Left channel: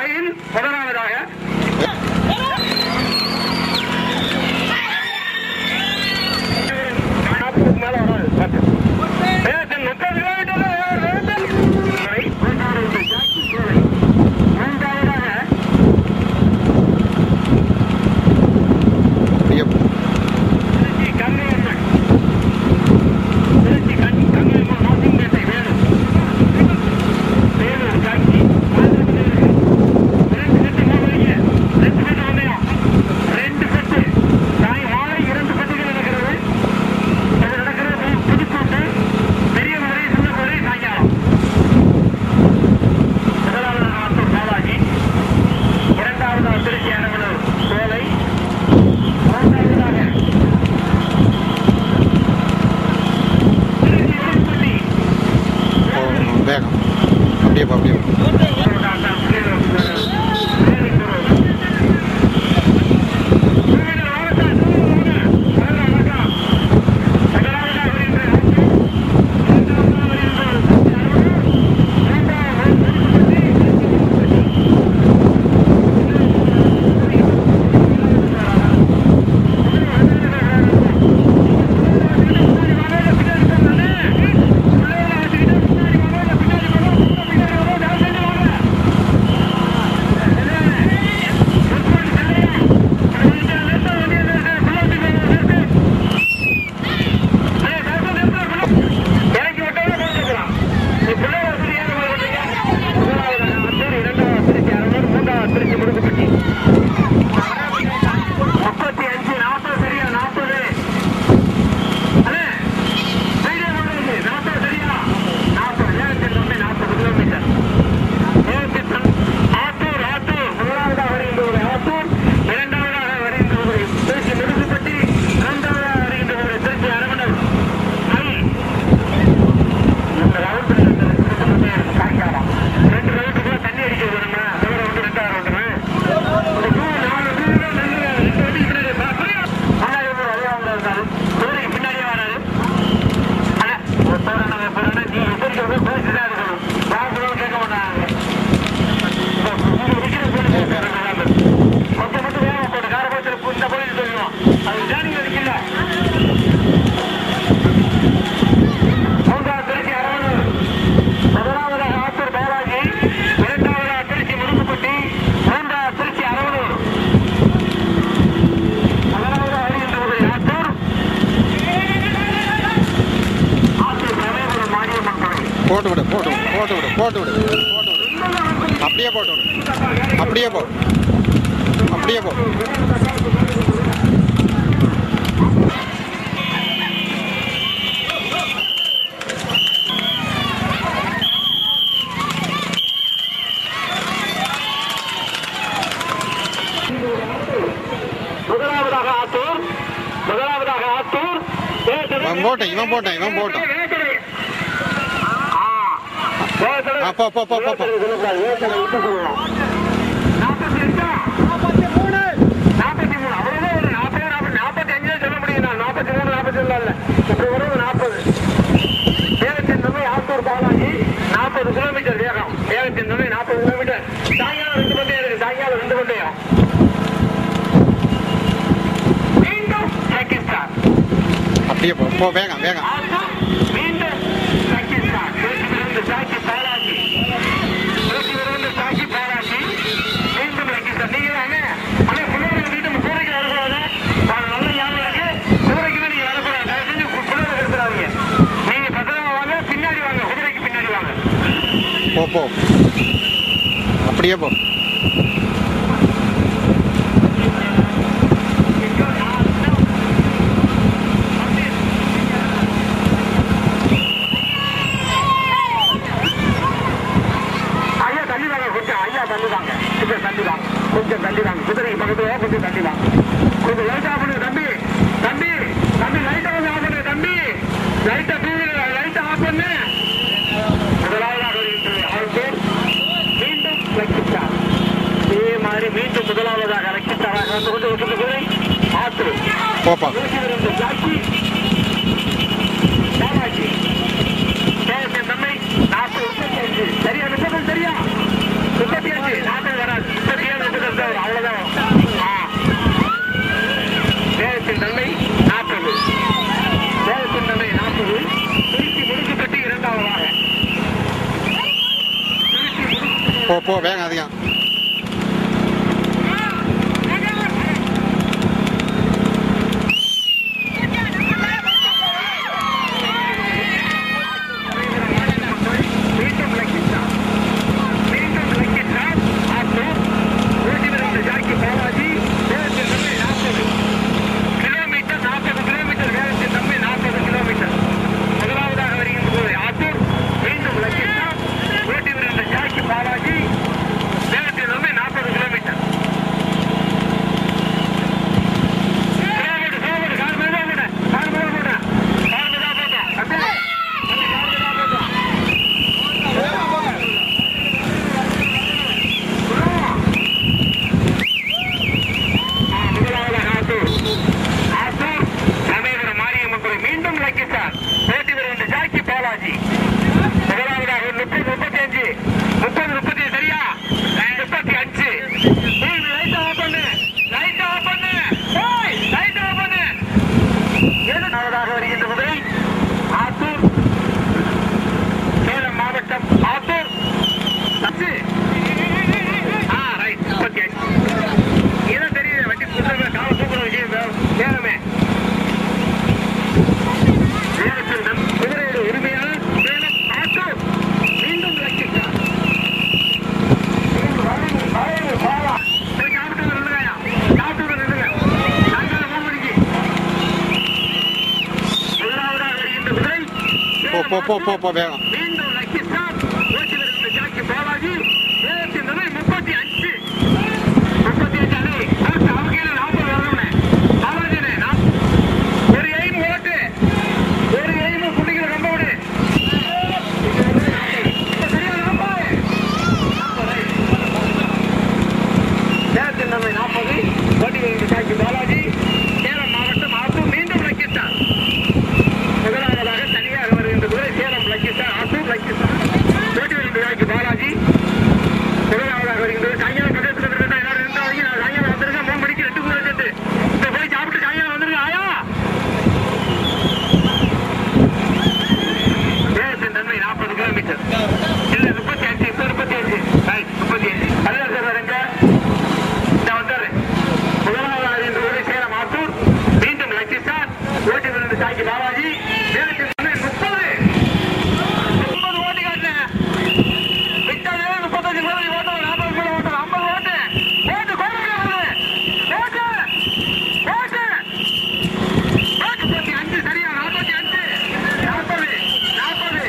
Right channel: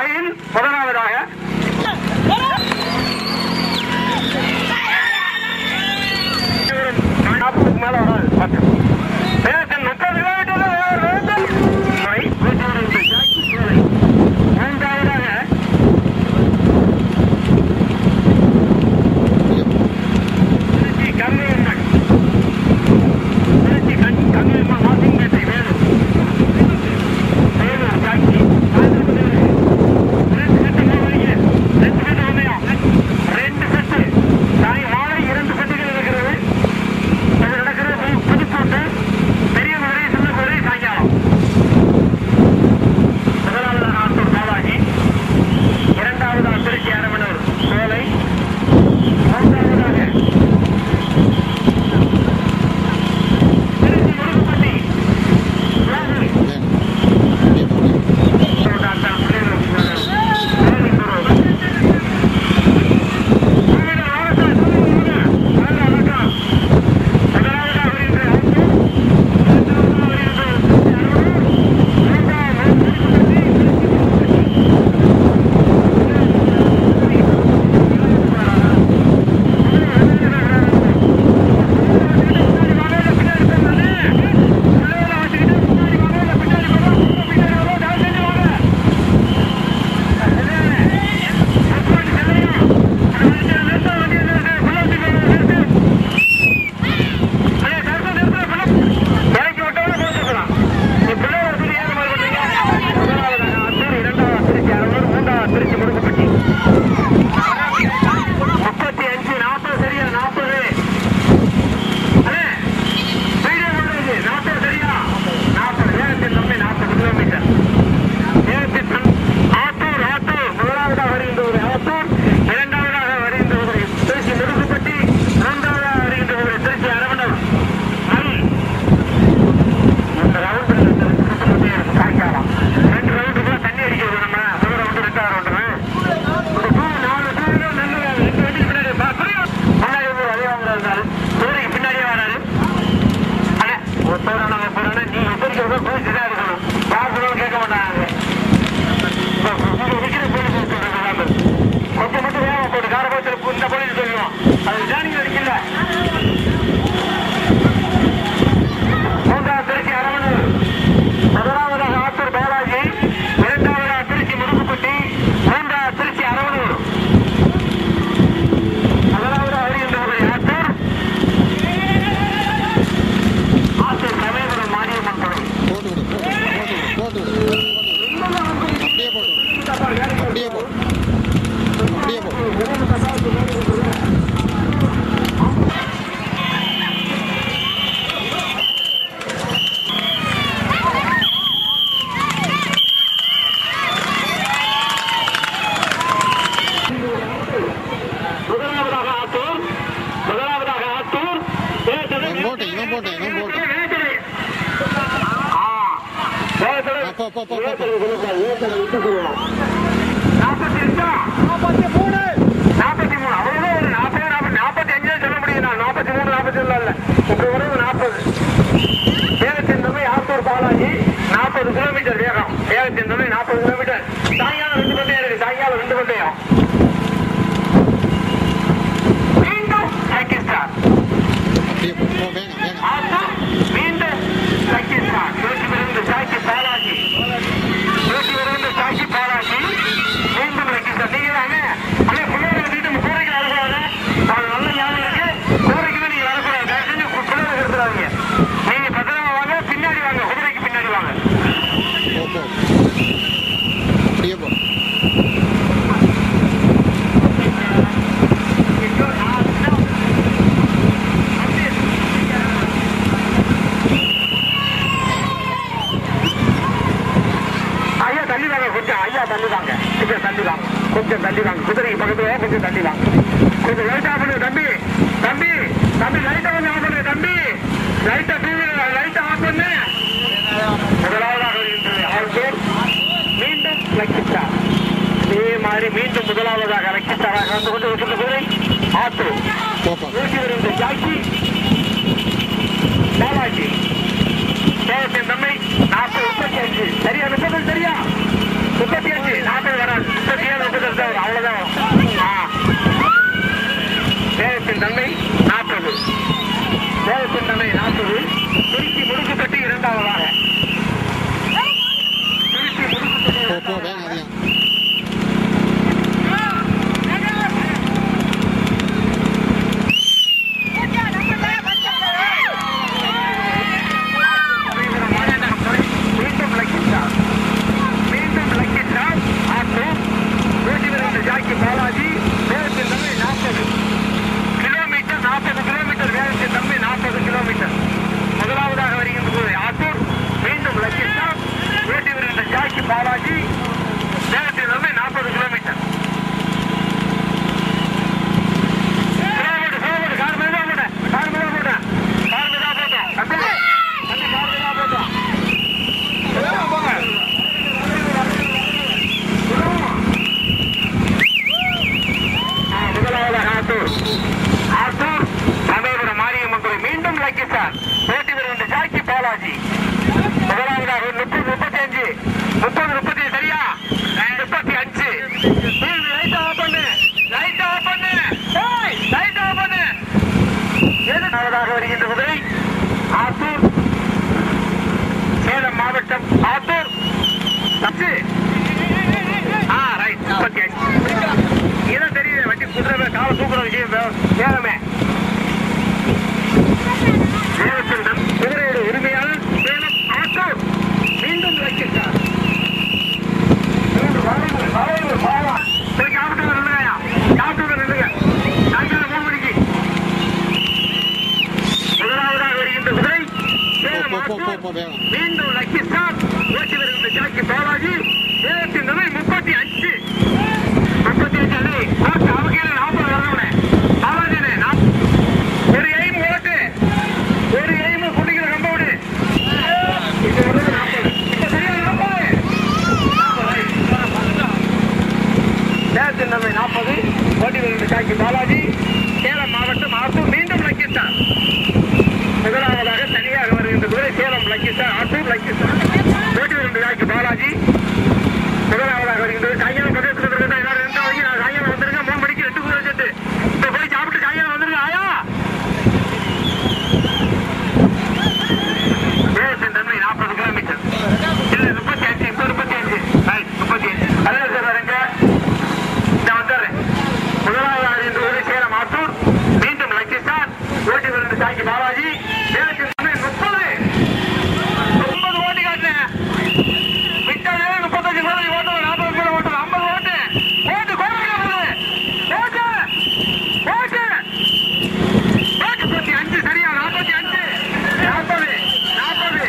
மயில் முதலாவதாக மேல வராது 10 மூன்றாவதாக திருச்சி கங்கையம்மன் நாசிம்பேட்டை வேலூர் ஜாக்கி 2 செட்டு 3 மணிக்கு 2 செட்டு ஒன்றையும் 2 செட்டு மாலை 2 செட்டுகள் இருக்கிறது. அது நடக்கிறது புதுக்கோட்டை பெரிய குதிரை சின்ன குதிரை சாயங்காலம். முதலாவதாக ஆத்தூர் பாலாஜி, இரண்டாவதாக திருச்சி அரவணூர் சோலை, மூன்றாவதாக திருச்சி உடுப்பட்டி அப்படியே திருச்சி முடுக்கப்பட்டி 35 40 சரியா 40 40 சரியா 40 வேகத்தின் தன்மை 40 கிலோமீட்டர் வேகத்தின் ஆத்தூர் முதலாவதாக வருகின்ற ஆத்தூர், இரண்டாவதாக வருகின்ற திருச்சி முடுக்கப்பட்டி, மூன்றாவதாக வருகின்ற திருச்சி அரவணூர் மயில். இந்த ரவுண்டு சாயங்காலம் 2 ரவுண்டுக்குள்ள தண்ணி அடிக்கிறது. நம்ம முதல் ரவுண்டு 2வது ரவுண்டு இந்த 4 2 வண்டி பின்னாடி முன்னாடி அதே வாங்குறது இருந்தாரு குதிரைக்கு பின்னாடியே வராது. போறான நீ எதிர்க்க போயிட்டு தான் இருக்கணும். யாருக்கும் கேட்க மாட்டாங்க. இருக்கிற போலீஸ் கொஞ்சம் மட்டும் வேகம் போட்டு காரபத்தில் இந்த போலீஸ் சொல்லுவோம். அது ஜானிங் அடிக்கல. மூன்றாவது திருச்சி அரவணூர், முதலாவதாக ஆத்தூர் பாலாஜி, இரண்டாவதாக திருச்சி முடுக்குப்பட்டி, மூன்றாவது திருச்சி அரவணூர். முதலாவதாக வருகின்ற ஆத்தூர் சமயபுரம் மாரியம்மன் கோவில். போட்டு விடு அப்படியே போ. முதலாவதாக ஆத்தூர் இவன் போட்டேன் அவ்வளவுதான். ஒரு 45 சொல்ல முடியும். 43 47 இல்ல, இப்ப ஒரு 40 வேகத்தின் தன்மை. ஆத்தூர் பாலாஜி 40 கிலோமீட்டர் வேகம். வேகத்தின் தன்மை 40 கிலோமீட்டர். சாயங்காலம் 2 பந்தயம் இருக்கு. சாயங்காலம் 2 பந்தயம். மீண்டும் பாகிஸ்தான் அப்படியே போ வேகம் மீண்டும் பாகிஸ்தான். சாக்கி பாலாஜி மீண்டும் பாகிஸ்தான். நீங்க தானே பிள்ளைகளை வீட்டு கூரைக்கு வரக்கூடாது. நல்ல ஞாபகம் இருக்கு. கூரைக்கு நீங்க வரக்கூடாது. தயவு செஞ்சு பிள்ளைகளை எடுத்துறாங்க. நீங்க பத்திரமா வாங்க. பின்னாடி வாங்க. குதிரைக்கு பின்னாடி வாங்க. போ அப்படியே போ. தள்ளி வாங்க. கொஞ்சம் தள்ளி வாங்க. குதிரைக்கு பக்கத்துல கொஞ்சம் தள்ளி வாங்க. கொஞ்சம் லைட்டா பண்ணுங்க தம்பி. லைட்டா கொஞ்சம் ஆஃப் பண்ணுங்க தம்பி. லைட்டா ஆஃப் பண்ணு. முதலாவதாக மீண்டும் லக்கி ஸ்டார். இதே மாதிரி மீண்டும் முதலாவதாக லக்கி ஸ்டாராக வந்து கொண்டு ஒரு குதிரை ஆத்தூர் ஜாக்கி பாலாஜி. தம்மை 40 35 சரியா 30 சரியா 35 40 வராது. அவ்வளவுதான். வேகத்தின் தன்மை 40. வேகத்தின் தன்மை 40. திருச்சி முடுக்குப்பட்டி இரண்டாவதாக. போ வேகம் அதிகம். பாலாஜி வேகத்தின் தன்மை 40 கிலோமீட்டர். 40 கிலோமீட்டர் வேகத்தின் தன்மை 40 கிலோமீட்டர். முதலாவதாக வருகின்றது ஆத்தூர். மீண்டும் லக்கிஸ்டா ஓட்டி வருகின்ற ஜாக்கி பாலாஜி வேகத்தின் தன்மை 40 கிலோமீட்டர். ஆத்தூர் சமயபுரம் மாரியம்மன் கோயில். மீண்டும் லக்கிஸ்டார் ஓட்டி வருகின்ற ஜாக்கி பாலாஜி. முதலாவதாக 30 35 30 30 சரியா 35. லைட் ஆஃப் பண்ணு, லைட் ஆஃப் பண்ணு, லைட் ஆஃப் பண்ணு. முதலாவதாக வருகின்ற குதிரை ஆத்தூர் சேலம் மாவட்டம். ஆத்தூர் ரைட் 35. இதான் தெரியுது வண்டி குதிரை கால தூக்குற விஷயம் சேலமே. குதிரையோட உரிமையாளர் சேலம் ஆட்டூர். மீண்டும் லக்கிஸ்டார். சாப்பிட்டு நில்லுங்கயா, சாப்பிட்டு நில்லுங்க. சாயங்காலம் 3 மணிக்கு முதலாவதாக வருகின்ற குதிரை வேகம். மீண்டும் லக்கிஸ்டார் ஓட்டி வருகின்ற ஜாக்கி பாலாஜி. வேகத்தின் தன்மை 35. 35 அணி கோர்ட் அவங்க 40 வரணும்னே பாலாஜினே. ஒரு எய்ம் ஓட்டு, ஒரு எய்ம் புள்ளிக்கிற கம்பவுடு. சரியா 40. வேகத்தின் தன்மை 40 ஓட்டி வருகின்ற ஜாக்கி பாலாஜி. சேலம் மாவட்டம் ஆத்தூர். மீண்டும் லக்கிஸ்டார். முதலாவதாக தனியாக வருகின்ற குதிரை சேலம் லக்கிஸ்டார். ஆத்தூர் லக்கிஸ்டார் ஓட்டி வருகின்ற ஜாக்கி பாலாஜி. முதலாவதாக வருகின்றது. சாயங்காலம் பிரதேசத்தில் இருக்கிற எல்லாரும் 2 மணிக்கு சாயங்காலம் வந்துருங்க. 3 மணிக்கு 2 குதிரை செட்டு. இப்ப போய் சாப்பிட்டு சாயங்காலம் வந்துருங்க. ஆயா வேகத்தின் தன்மை 40 கிலோமீட்டர். இல்ல 35. இப்ப 35. 35 அல்ல சார் வரங்க. இந்த வந்துடுறேன். முதலாவதாக வருகின்ற குதிரை சேலம் ஆத்தூர். மீண்டும் லக்கிஸ்டார் ஓட்டி வருகின்ற ஜாக்கி பாலாஜி. வேகத்தின் தன்மை 30. 30 ஓட்டி காட்டுறேன். விட்டாலே 35 கிலோ ஓட்டு, 40 கிலோ ஓட்டு, 50 ஓட்டு ஓட்டு கோரிக்கை ஓட்டு ஓட்டு 45 சரியா 45 40 40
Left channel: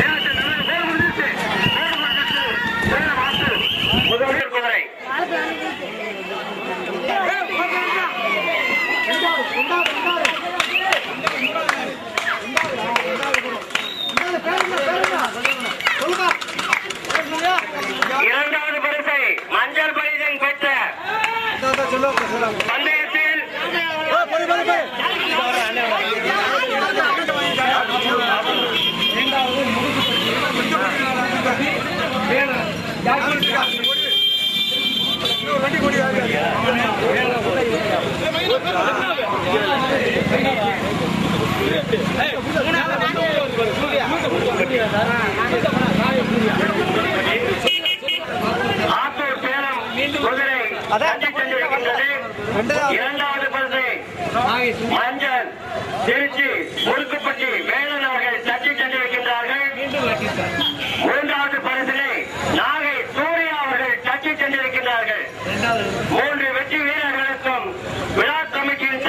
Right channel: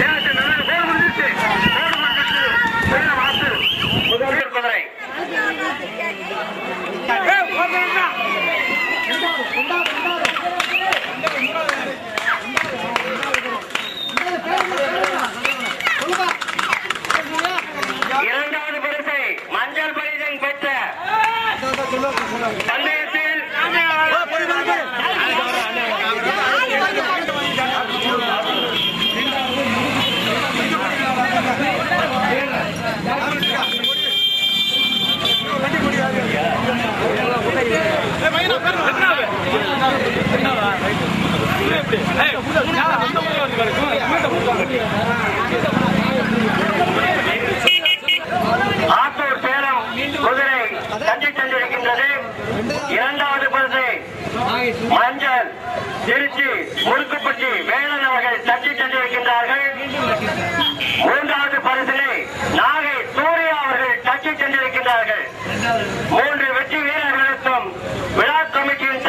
வேகத்தின் தன்மை கோடு முடிஞ்சிச்சு. கோடு முடிஞ்சிச்சு. சேலம் ஆத்தூர் முதல் குதிரை. இரண்டாவது பரிசை மஞ்சள் பரிசன் பெற்ற பந்தயத்தில் ஆத்தூர் சேலம் குதிரை தட்டி சென்றிருக்கின்றது. இரண்டாவது பரிசை மஞ்சள் திருச்சி முடுக்குப்பட்டி வேலன் அவர்கள் தட்டி சென்றிருக்கின்றார்கள். மூன்றாவது பரிசினை நாகை சூர்யா அவர்கள் தட்டி சென்றிருக்கின்றார்கள். 3 வெற்றி வீரர்களுக்கும் விழா கமிட்டியின்